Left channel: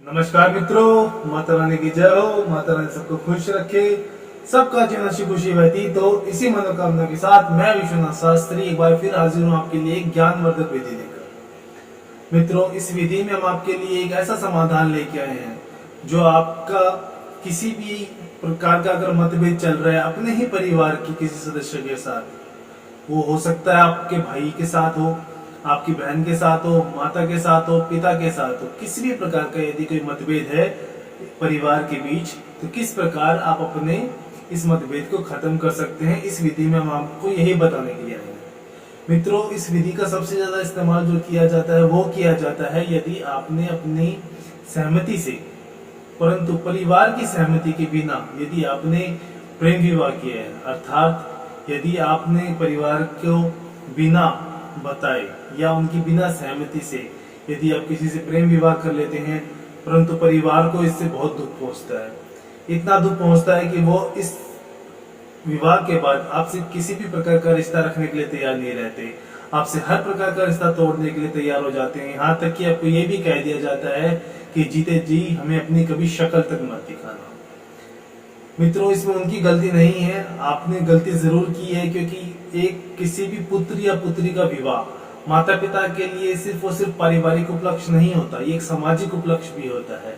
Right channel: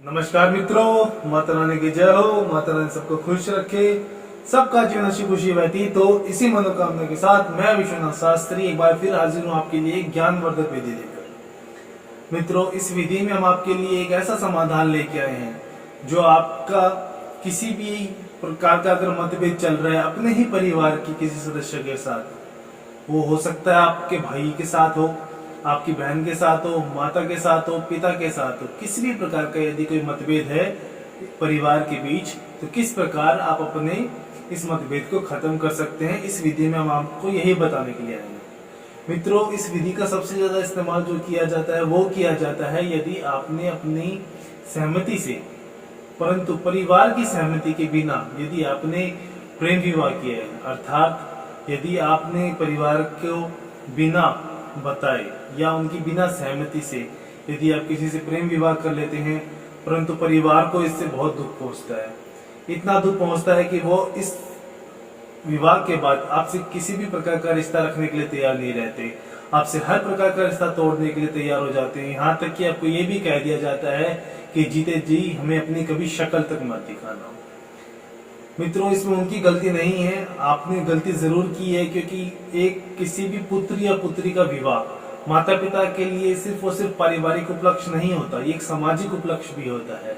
नमस्कार मित्रों, माता रानी की जय हो। माता रानी सबको खुश रखे, सबका जीवन अच्छी खुशी बहती। तो इसी मनोकामना के साथ मैं विश्वनाथ शास्त्री एक बार फिर हाजिर हूँ आपके लिए ज्ञानवर्धक विधि लेकर। मित्रों, इस विधि में हम आपके लिए एक ऐसा समाधान लेके आए हैं जो आपका किसी भी प्रकार का अगर मतभेद चल रहा है अपने ही परिवार की किसी सदस्य के साथ, वो हो सकता है आपके भाई के साथ हो, आपकी बहन के साथ हो, माता के साथ हो, पिता के साथ हो, किसी भी प्रकार का यदि कोई मतभेद है परिवार के बीच, तो किस प्रकार आप अपने इस मतभेद को खत्म कर सकते हैं, इस विधि में हम आपको यही बताने के लिए आए हैं। मित्रों, इस विधि का सबसे ज्यादा इस्तेमाल जो किया जाता है वो किया जाता है यदि आपने अपनी सहमति से, परंतु परिवार की सहमति के बिना यदि आपने प्रेम विवाह किया है, अर्थात यदि आपने परिवार को बिना बताए या उनकी बिना सहमति से यदि आप किसी से प्रेम विवाह कर लेते हैं, परंतु परिवार को इससे बहुत दुख पहुंचता है। इतना दुख पहुंचता है कि वो इस विवाह के बाद आपसे किसी भी प्रकार का रिश्ता रखने के लिए तैयार नहीं रहते, आपसे हर प्रकार का रिश्ता तोड़ने के लिए तैयार हो जाते हैं। यहाँ तक कि आपको ये भी कह दिया जाता है कि जीते जी हमें अपनी कभी शक्ल तक मत दिखाना। मित्रों, इसमें उनकी गलती नहीं है, आपने गलती जरूर की है, क्योंकि एक किसी भी पुत्र या पुत्री का विवाह माता पिता के लिए सिर्फ और सिर्फ पारिवारिक उपलक्ष्य नहीं होता, ये एक सामाजिक उपलक्ष्य भी होता है।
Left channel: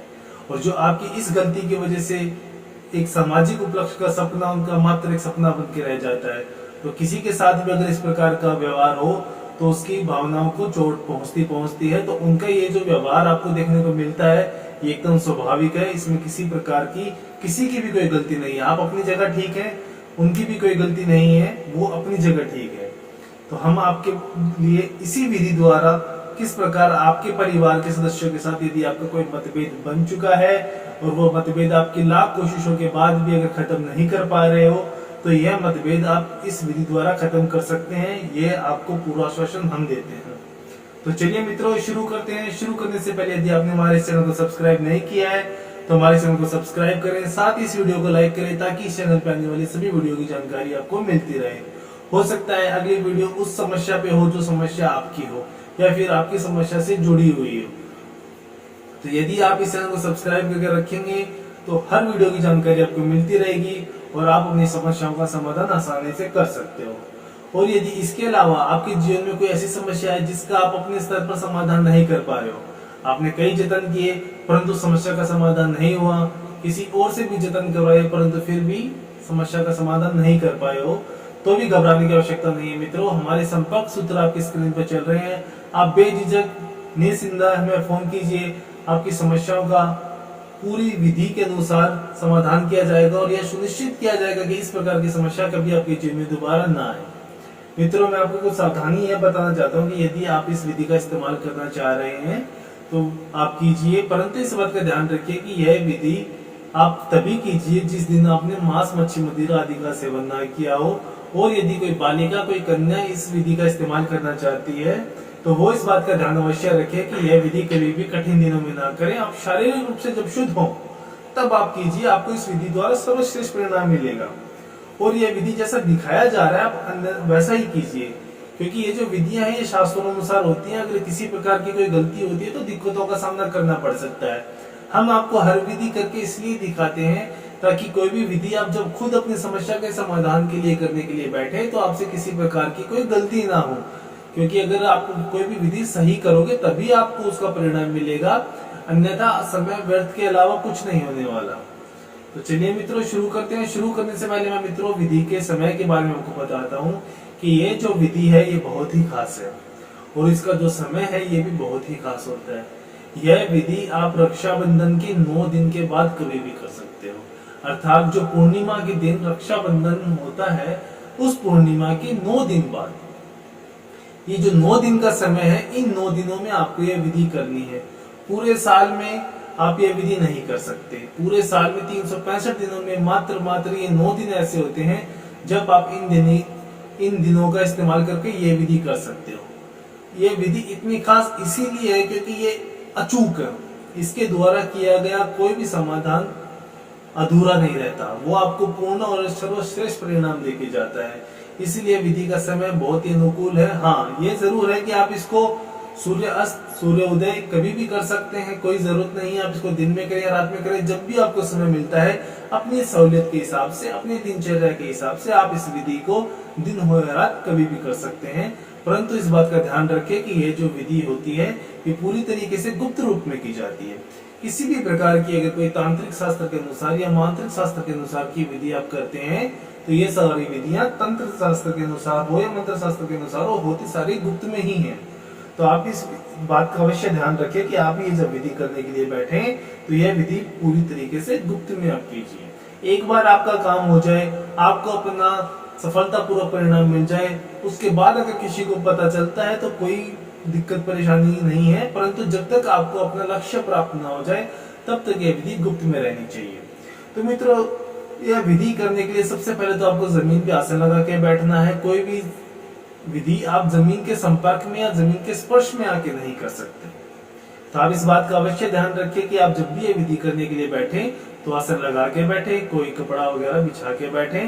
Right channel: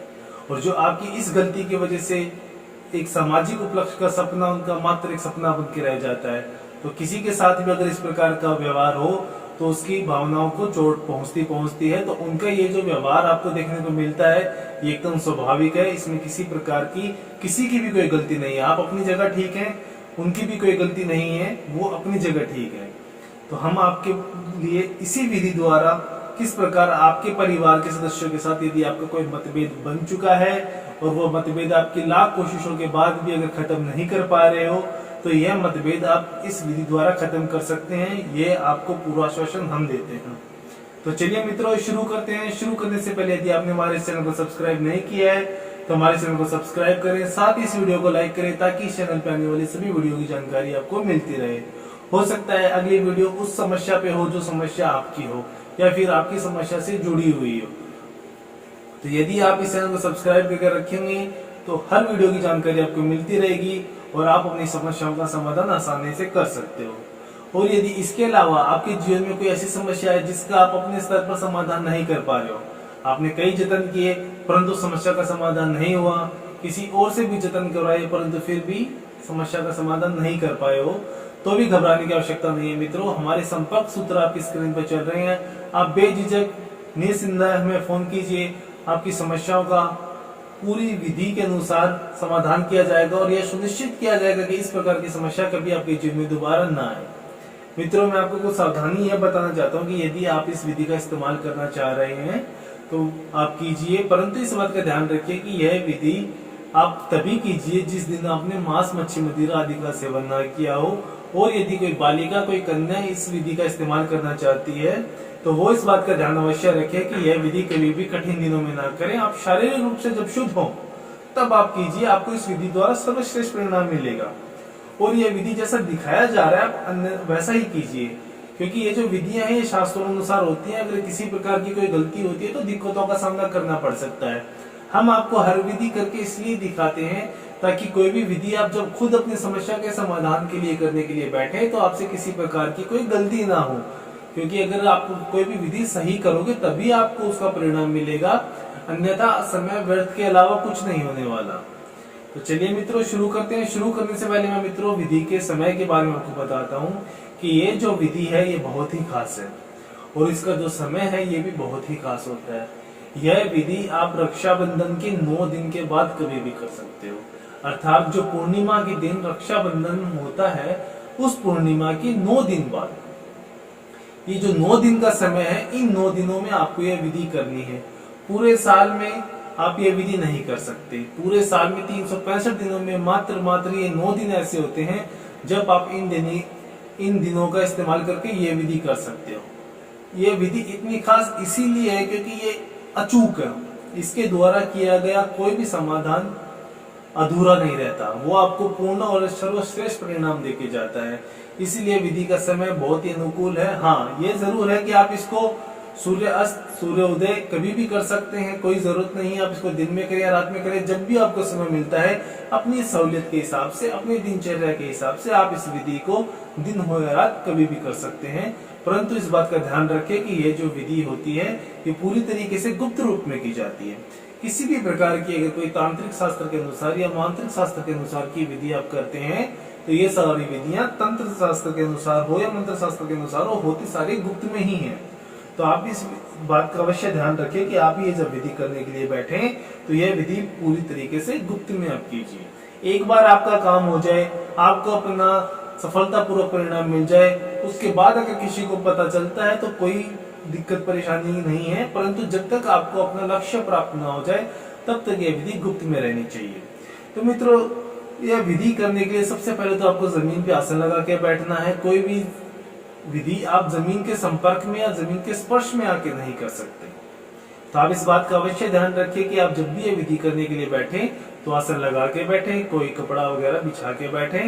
और जो आपकी इस गलती की वजह से एक सामाजिक उपलक्ष्य का सपना उनका मात्र एक सपना बन के रह जाता है, तो किसी के साथ भी अगर इस प्रकार का व्यवहार हो तो उसकी भावनाओं को चोट पहुंचती है। तो उनका ये जो व्यवहार आपको देखने को मिलता है ये एकदम स्वाभाविक है, इसमें किसी प्रकार की किसी की भी कोई गलती नहीं है। आप अपनी जगह ठीक हैं, उनकी भी कोई गलती नहीं है, वो अपनी जगह ठीक है। तो हम आपके लिए इसी विधि द्वारा किस प्रकार आपके परिवार के सदस्यों के साथ यदि आपका कोई मतभेद बन चुका है और वो मतभेद आपकी लाख कोशिशों के बाद भी अगर खत्म नहीं कर पा रहे हो, तो यह मतभेद आप इस विधि द्वारा खत्म कर सकते हैं, ये आपको पूरा आश्वासन हम देते हैं। तो चलिए मित्रों, शुरू करते हैं। शुरू करने से पहले यदि आपने हमारे चैनल को सब्सक्राइब नहीं किया है तो हमारे चैनल को सब्सक्राइब करें, साथ ही इस वीडियो को लाइक करें ताकि इस चैनल पर आने वाली सभी वीडियो की जानकारी आपको मिलती रहे। हो सकता है अगली वीडियो उस समस्या पे हो जो समस्या आपकी हो या फिर आपकी समस्या से जुड़ी हुई हो। तो यदि आप इस चैनल को सब्सक्राइब करके रखेंगे तो हर वीडियो की जानकारी आपको मिलती रहेगी और आप अपनी समस्याओं का समाधान आसानी से कर सकते हो। और यदि इसके अलावा आपके जीवन में कोई ऐसी समस्या है जिसका आप अपने स्तर पर समाधान नहीं कर पा रहे हो, आपने कई जतन किए परंतु समस्या का समाधान नहीं हुआ, किसी और से भी जतन करवाए परंतु फिर भी समस्या का समाधान नहीं कर पाए हो, तो भी घबराने की आवश्यकता नहीं है। मित्रों, हमारे संपर्क सूत्र आपकी स्क्रीन पर चल रहे हैं, आप बेझिझक निसंदेह हमें फोन कीजिए, आपकी समस्याओं का पूरी विधि के अनुसार समाधान किया जाएगा और यह सुनिश्चित किया जाएगा कि इस प्रकार की समस्या कभी आपके जीवन में दोबारा ना आए। मित्रों, मैं आपको कुछ सावधानी यह बताना चाहता हूँ कि यदि आप इस विधि का इस्तेमाल करना चाह रहे हैं तो आप कीजिए, परंतु इस बात का ध्यान रखिए कि यह विधि आप तभी कीजिए जिस दिन आपने मांस, मच्छी, मदिरा आदि का सेवन ना किया हो। और यदि कोई बालिका, कोई कन्या इस विधि का इस्तेमाल करना चाहती है तो वो इस बात का ध्यान अवश्य रखे कि यह विधि कभी भी कठिन दिनों में ना करें। आप शारीरिक रूप से जब शुद्ध हो तब आप कीजिए, आपको इस विधि द्वारा सर्वश्रेष्ठ परिणाम मिलेगा। और यह विधि जैसा दिखाया जा रहा है आप वैसा ही कीजिए, क्योंकि ये जो विधियां हैं ये शास्त्रों अनुसार होती हैं। अगर किसी प्रकार की कोई गलती होती है तो दिक्कतों का सामना करना पड़ सकता है। हम आपको हर विधि करके इसलिए दिखाते हैं ताकि कोई भी विधि आप जब खुद अपनी समस्या के समाधान के लिए करने के लिए बैठे तो आपसे किसी प्रकार की कोई गलती ना हो, क्योंकि अगर आप कोई भी विधि सही करोगे तभी आपको उसका परिणाम मिलेगा, अन्यथा समय व्यर्थ के अलावा कुछ नहीं होने वाला। तो चलिए मित्रों, शुरू करते हैं। शुरू करने से पहले मैं मित्रों विधि के समय के बारे में आपको बताता हूँ कि ये जो विधि है ये बहुत ही खास है और इसका जो समय है ये भी बहुत ही खास होता है। यह विधि आप रक्षाबंधन के 9 दिन के बाद कभी भी कर सकते हो, अर्थात जो पूर्णिमा के दिन रक्षाबंधन होता है उस पूर्णिमा के 9 दिन बाद। ये जो 9 दिन का समय है, इन 9 दिनों में आपको यह विधि करनी है। पूरे साल में आप ये विधि नहीं कर सकते। पूरे साल में 365 दिनों में मात्र ये 9 दिन ऐसे होते हैं जब आप इन दिनों का इस्तेमाल करके ये विधि कर सकते हो। ये विधि इतनी खास इसीलिए है क्योंकि ये अचूक है, इसके द्वारा किया गया कोई भी समाधान अधूरा नहीं रहता, वो आपको पूर्ण और सर्वश्रेष्ठ परिणाम देके जाता है। इसीलिए विधि का समय बहुत ही अनुकूल है। हाँ, ये जरूर है कि आप इसको सूर्यास्त सूर्योदय कभी भी कर सकते हैं, कोई जरूरत नहीं है आप इसको दिन में करें या रात में करें, जब भी आपको समय मिलता है अपनी सहूलियत के हिसाब से, अपनी दिनचर्या के हिसाब से आप इस विधि को दिन हो या रात कभी भी कर सकते हैं। परंतु इस बात का ध्यान रखें कि ये जो विधि होती है ये पूरी तरीके से गुप्त रूप में की जाती है। किसी भी प्रकार की अगर कोई तांत्रिक शास्त्र के अनुसार या मांत्रिक शास्त्र के अनुसार की विधि आप करते हैं तो ये सारी विधियां तंत्र शास्त्र के अनुसार हो या मंत्र शास्त्र के अनुसार हो, होती सारी गुप्त में ही है। तो आप इस बात का अवश्य ध्यान रखें कि आप ये जब विधि करने के लिए बैठे तो यह विधि पूरी तरीके से गुप्त में आप कीजिए। एक बार आपका काम हो जाए, आपको अपना सफलतापूर्वक परिणाम मिल जाए, उसके बाद अगर किसी को पता चलता है तो कोई दिक्कत परेशानी नहीं है, परंतु जब तक आपको अपना लक्ष्य प्राप्त न हो जाए तब तक यह विधि गुप्त में रहनी चाहिए। तो मित्रों, यह विधि करने के लिए सबसे पहले तो आपको जमीन पे आसन लगा के बैठना है। कोई भी विधि आप जमीन के संपर्क में या जमीन के स्पर्श में आके नहीं कर सकते। तो आप इस बात का अवश्य ध्यान रखिए कि आप जब भी ये विधि करने के लिए बैठे तो आसन लगा के बैठे, कोई कपड़ा वगैरह बिछा के बैठे,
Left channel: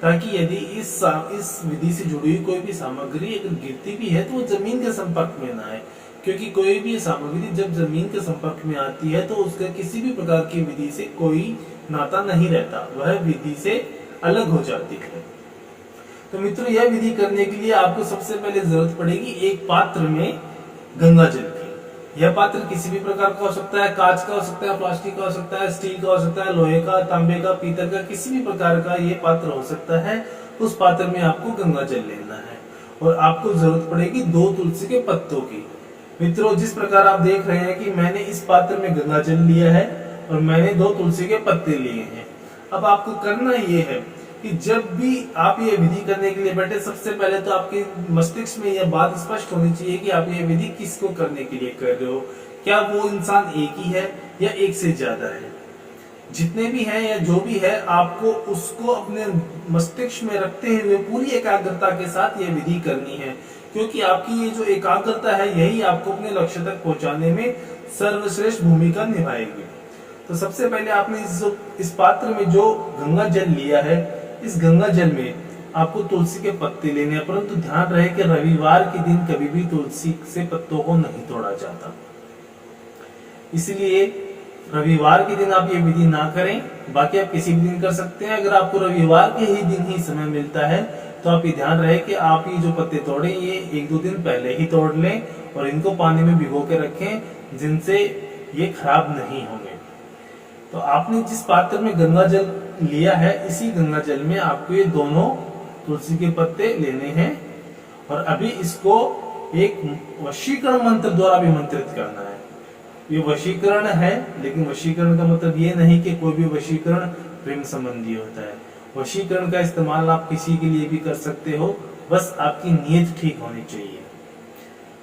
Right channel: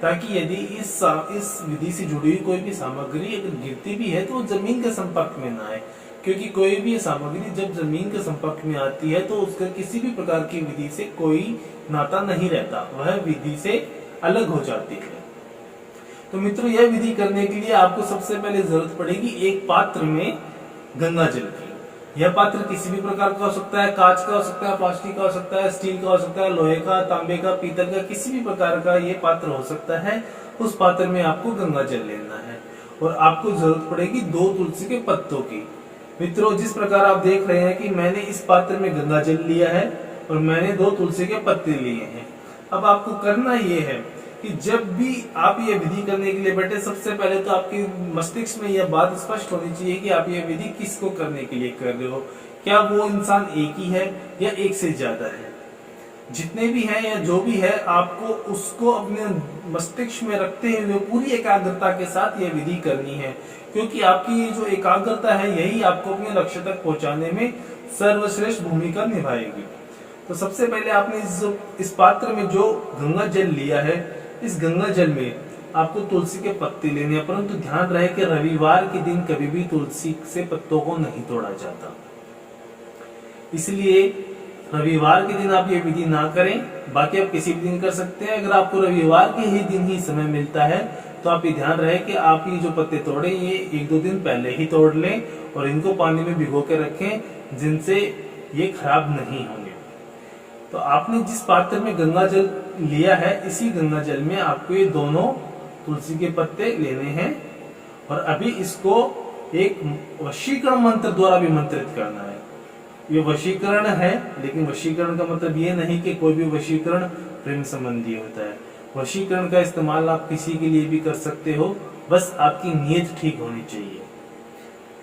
ताकि यदि इस विधि से जुड़ी हुई कोई भी सामग्री अगर गिरती भी है तो वो जमीन के संपर्क में ना आए, क्योंकि कोई भी सामग्री जब जमीन के संपर्क में आती है तो उसका किसी भी प्रकार की विधि से कोई नाता नहीं रहता, वह विधि से अलग हो जाती है। तो मित्रों, यह विधि करने के लिए आपको सबसे पहले जरूरत पड़ेगी एक पात्र में गंगा जल की। यह पात्र किसी भी प्रकार का हो सकता है, कांच का हो सकता है, प्लास्टिक का हो सकता है, स्टील का हो सकता है, लोहे का, तांबे का, पीतल का, किसी भी प्रकार का ये पात्र हो सकता है। उस पात्र में आपको गंगा जल लेना है और आपको जरूरत पड़ेगी 2 तुलसी के पत्तों की। मित्रों, जिस प्रकार आप देख रहे हैं कि मैंने इस पात्र में गंगा जल लिया है और मैंने 2 तुलसी के पत्ते लिए हैं। अब आपको करना ये है कि जब भी आप ये विधि करने के लिए बैठे, सबसे पहले तो आपके मस्तिष्क में यह बात स्पष्ट होनी चाहिए कि आप ये विधि किसको करने के लिए कर रहे हो। क्या वो इंसान एक ही है या एक से ज्यादा है? जितने भी हैं या जो भी है, आपको उसको अपने मस्तिष्क में रखते हुए पूरी एकाग्रता के साथ यह विधि करनी है, क्योंकि आपकी ये जो एकाग्रता है यही आपको अपने लक्ष्य तक पहुंचाने में सर्वश्रेष्ठ भूमिका निभाएगी। तो सबसे पहले आपने इस पात्र में जो गंगा जल लिया है, इस गंगा जल में आपको तुलसी के पत्ते लेने हैं, परंतु ध्यान रहे कि रविवार के दिन कभी भी तुलसी से पत्तों को नहीं तोड़ा जाता, इसलिए रविवार के दिन आप ये विधि ना करें। बाकी आप किसी भी दिन कर सकते हैं। अगर आपको रविवार के ही दिन ही समय मिलता है तो आप ये ध्यान रहे कि आप ये जो पत्ते तोड़े ये 1-2 दिन पहले ही तोड़ लें और इनको पानी में भिगो के रखें, जिनसे ये खराब नहीं होंगे। तो आपने जिस पात्र में गंगा जल लिया है, इसी गंगा जल में आपको ये दोनों तुलसी के पत्ते लेने हैं और अभी इसको एक वशीकरण मंत्र द्वारा विमंत्रित करना है। ये वशीकरण है, लेकिन वशीकरण का मतलब ये नहीं कि कोई भी वशीकरण प्रेम संबंधी होता है। वशीकरण का इस्तेमाल आप किसी के लिए भी कर सकते हो, बस आपकी नीयत ठीक होनी चाहिए।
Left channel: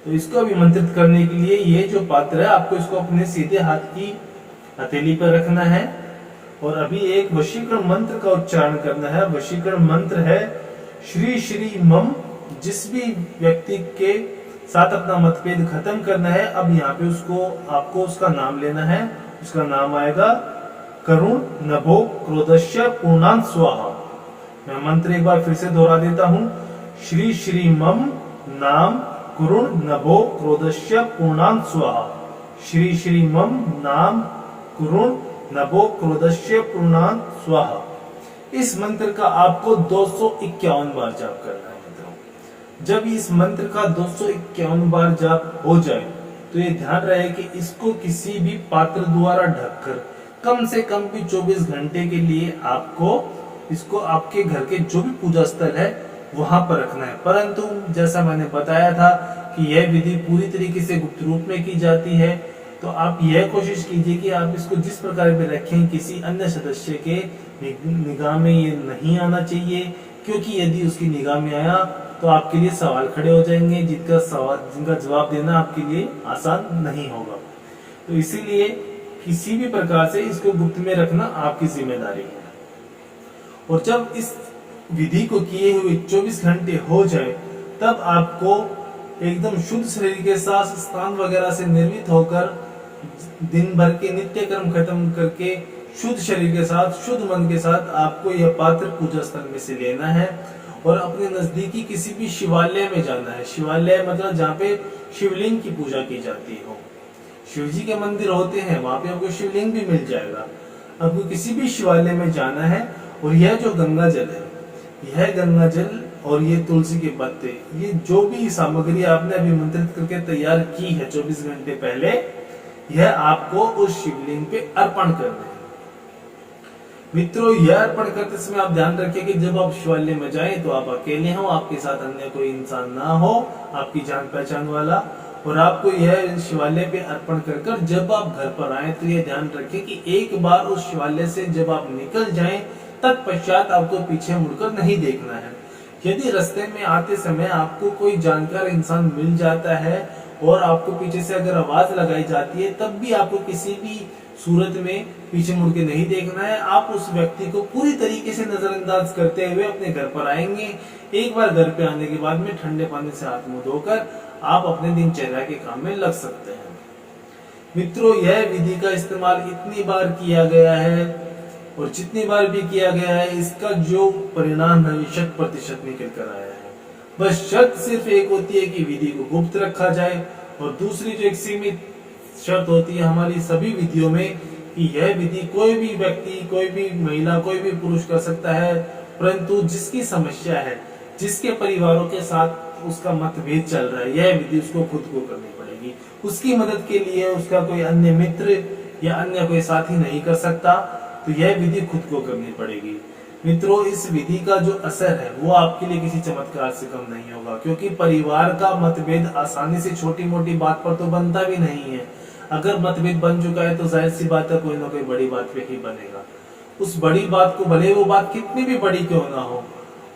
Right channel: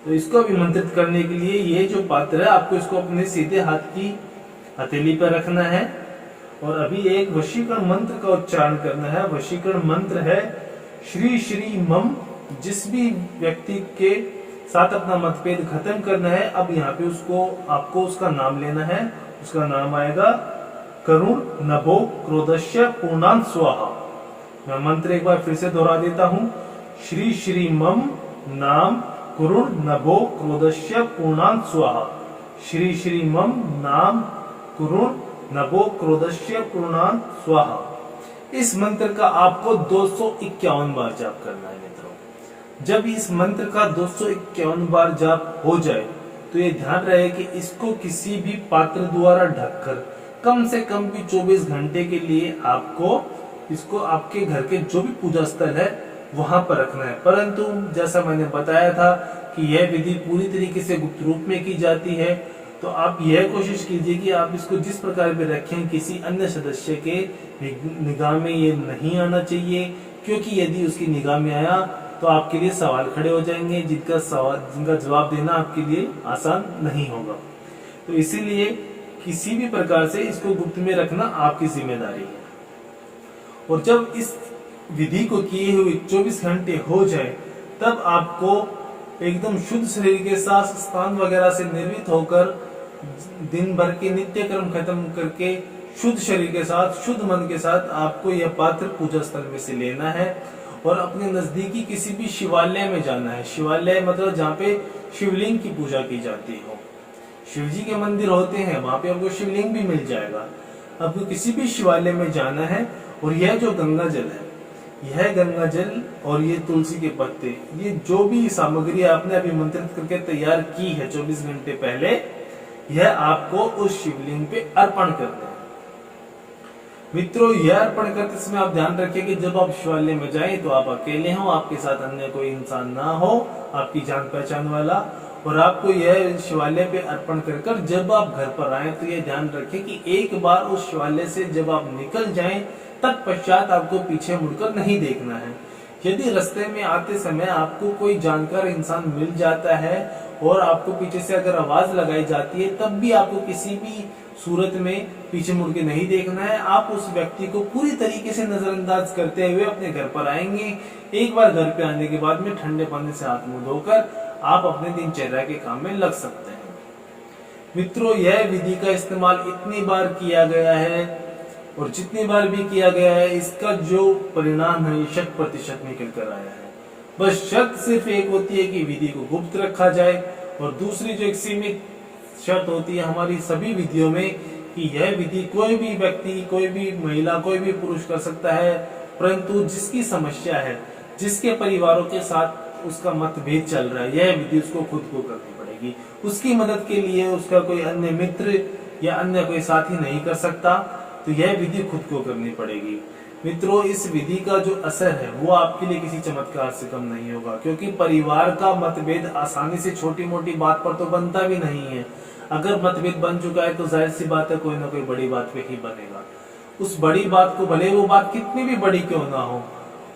तो इसको विमंत्रित करने के लिए ये जो पात्र है, आपको इसको अपने सीधे हाथ की हथेली पर रखना है और अभी एक वशीकरण मंत्र का उच्चारण करना है। वशीकरण मंत्र है श्री श्री मम। जिस भी व्यक्ति के साथ अपना मतभेद खत्म करना है, अब यहाँ पे आपको उसका नाम लेना है। उसका नाम आएगा करुण नभो क्रोधस्य पूर्णांत स्वाहा। मैं मंत्र एक बार फिर से दोहरा देता हूँ। श्री श्री मम नाम करुण नभो क्रोधस्य पूर्णांत स्वाहा। श्री श्री मम नाम करुण नभो क्रोधस्य पूर्णांत स्वाहा। इस मंत्र का आपको 251 बार जाप करना है मित्रों। जब इस मंत्र का 251 बार जाप हो जाए तो ये ध्यान रहे कि इसको किसी भी पात्र द्वारा ढककर कम से कम भी 24 घंटे के लिए आपको इसको आपके घर के जो भी पूजा स्थल है वहां पर रखना है। परंतु जैसा मैंने बताया था कि यह विधि पूरी तरीके से गुप्त रूप में की जाती है, तो आप यह कोशिश कीजिए कि आप इसको जिस प्रकार भी रखें, किसी अन्य सदस्य के निगाह में ये नहीं आना चाहिए, क्योंकि यदि उसकी निगाह में आया तो आपके लिए सवाल खड़े हो जाएंगे जिनका जवाब देना आपके लिए आसान नहीं होगा। तो इसीलिए किसी भी प्रकार से इसको गुप्त में रखना आपकी जिम्मेदारी है। और जब इस विधि को किए हुए 24 घंटे हो जाए तब आपको एकदम शुद्ध शरीर के साथ स्नान वगैरह से निर्मित होकर दिन भर के नित्य कर्म खत्म करके शुद्ध शरीर के साथ शुद्ध मन के साथ आपको यह पात्र पूजा स्थल में से लेना है और अपने नजदीकी किसी भी शिवालय में जाना है। शिवालय मतलब जहाँ पे शिवलिंग की पूजा की जाती हो। शिव जी के मंदिर होते हैं, वहां पे आपको शिवलिंग भी मिल जाएगा। आपको किसी भी शिवालय में जाना है और यह जो गंगा जल है, यह गंगा जल और ये तुलसी के पत्ते, ये जो भी सामग्री आपने अभी मंत्रित करके तैयार की है 24 घंटे पहले, यह आपको उस शिवलिंग पे अर्पण करना है। मित्रों, यह अर्पण करते समय आप ध्यान रखिए कि जब आप शिवालय में जाएं तो आप अकेले हो, आपके साथ अन्य कोई इंसान ना हो, आपकी जान पहचान वाला। और आपको यह शिवालय पे अर्पण कर जब आप घर पर आए तो यह ध्यान रखें कि एक बार उस शिवालय से जब आप निकल जाएं तत्पश्चात आपको पीछे मुड़कर नहीं देखना है। यदि रास्ते में आते समय आपको कोई जानकार इंसान मिल जाता है और आपको पीछे से अगर आवाज लगाई जाती है, तब भी आपको किसी भी सूरत में पीछे मुड़ के नहीं देखना है। आप उस व्यक्ति को पूरी तरीके से नजरअंदाज करते हुए अपने घर पर आएंगे। एक बार घर पे आने के बाद में ठंडे पानी से हाथ मुंह धोकर आप अपने दिनचर्या के काम में लग सकते हैं। मित्रों, यह विधि का इस्तेमाल इतनी बार किया गया है और जितनी बार भी किया गया है, इसका जो परिणाम है ये 100% निकल कर आया है। बस शर्त सिर्फ एक होती है कि विधि को गुप्त रखा जाए, और दूसरी जो एक सीमित शर्त होती है हमारी सभी विधियों में कि यह विधि कोई भी व्यक्ति, कोई भी महिला, कोई भी पुरुष कर सकता है, परंतु जिसकी समस्या है, जिसके परिवारों के साथ उसका मतभेद चल रहा है, यह विधि उसको खुद को करनी पड़ेगी। उसकी मदद के लिए उसका कोई अन्य मित्र या अन्य कोई साथी नहीं कर सकता, तो यह विधि खुद को करनी पड़ेगी। मित्रों, इस विधि का जो असर है वो आपके लिए किसी चमत्कार से कम नहीं होगा, क्योंकि परिवार का मतभेद आसानी से छोटी मोटी बात पर तो बनता भी नहीं है। अगर मतभेद बन चुका है तो जाहिर सी बात है कोई ना कोई बड़ी बात पे ही बनेगा। उस बड़ी बात को, भले वो बात कितनी भी बड़ी क्यों ना हो,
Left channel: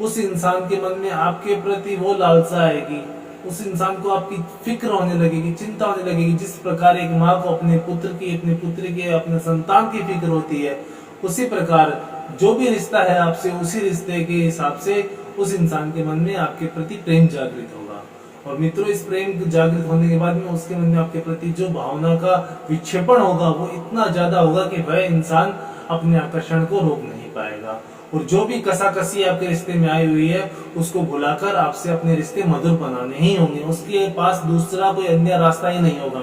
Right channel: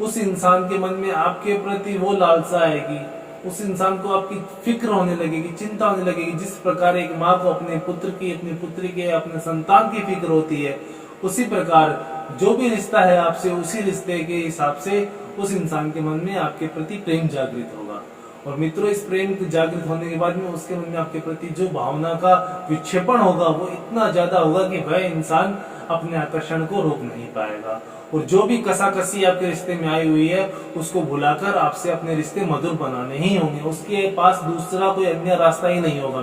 उस इंसान के मन में आपके प्रति वो लालसा आएगी, उस इंसान को आपकी फिक्र होने लगेगी, चिंता होने लगेगी। जिस प्रकार एक माँ को अपने पुत्र की, अपनी पुत्री के, अपने संतान की फिक्र होती है, उसी प्रकार जो भी रिश्ता है आपसे, उसी रिश्ते के हिसाब से उस इंसान के मन में आपके प्रति प्रेम जागृत होगा। और मित्रों, इस प्रेम जागृत होने के बाद में उसके मन में आपके प्रति जो भावना का विक्षेपण होगा वो इतना ज्यादा होगा कि वह इंसान अपने आकर्षण को रोक नहीं पाएगा, और जो भी कसाकसी आपके रिश्ते में आई हुई है उसको भुलाकर आपसे अपने रिश्ते मधुर बनाने ही होंगे। उसके पास दूसरा कोई अन्य रास्ता ही नहीं होगा।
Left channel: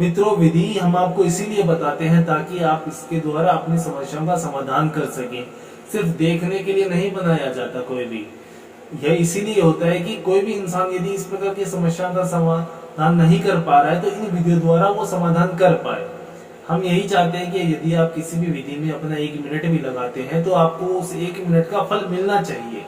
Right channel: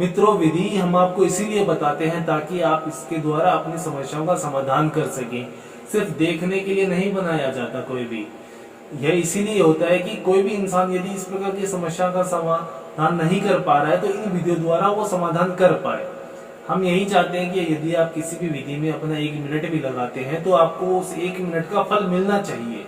मित्रों, विधि हम आपको इसीलिए बताते हैं ताकि आप इसके द्वारा अपनी समस्याओं का समाधान कर सकें। सिर्फ देखने के लिए नहीं बनाया जाता कोई भी। यह इसीलिए होता है कि कोई भी इंसान यदि इस प्रकार की समस्या का समाधान नहीं कर पा रहा है तो इन विधियों द्वारा वो समाधान कर पाए। हम यही चाहते हैं कि यदि आप किसी भी विधि में अपना 1 मिनट भी लगाते हैं तो आपको उस 1 मिनट का फल मिलना चाहिए।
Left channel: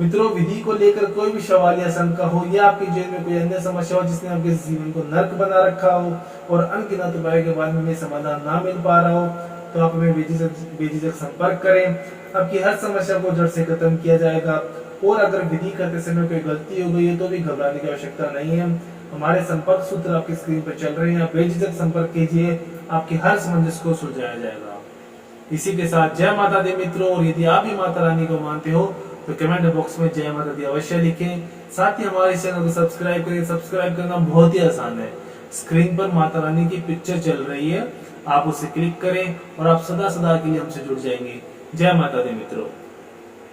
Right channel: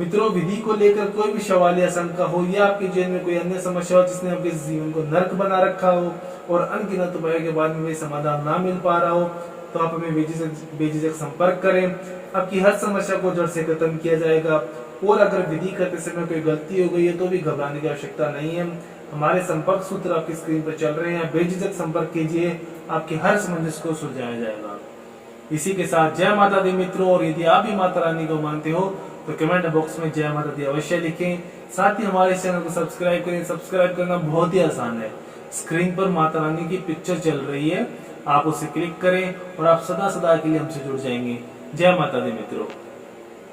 मित्रों, विधि को लेकर कोई भी सवाल या शंका हो या आपके जीवन में कोई अन्य समस्या हो जिसने आपके जीवन को नर्क बना रखा हो और अनगिनत उपायों के बाद में समाधान ना मिल पा रहा हो, तो आप हमें बेझिझक संपर्क करें। आपकी हर समस्या को जड़ से खत्म किया जाएगा। और अगर विधि करते समय कोई गलती हो गई है तो भी घबराने की आवश्यकता नहीं है। हमारे संपर्क सूत्र आपकी स्क्रीन पर चल रहे हैं, बेझिझक संपर्क कीजिए, आपकी हर समस्या को सुलझाया जाएगा। इसी के साथ जय माता दी मित्रों, और यदि आप भी माता रानी को मानते हो तो कमेंट बॉक्स में जय माता दी अवश्य लिखें। साथ ही हमारे चैनल को सब्सक्राइब करें। सब्सक्राइब करना बहुत ही आसान है। स्क्रीन पर माता रानी की पिक्चर चल रही है, आप उसे क्लिक करें और आप सदा सदा के लिए हमसे जुड़ जाएंगे। जय माता दी मित्रों।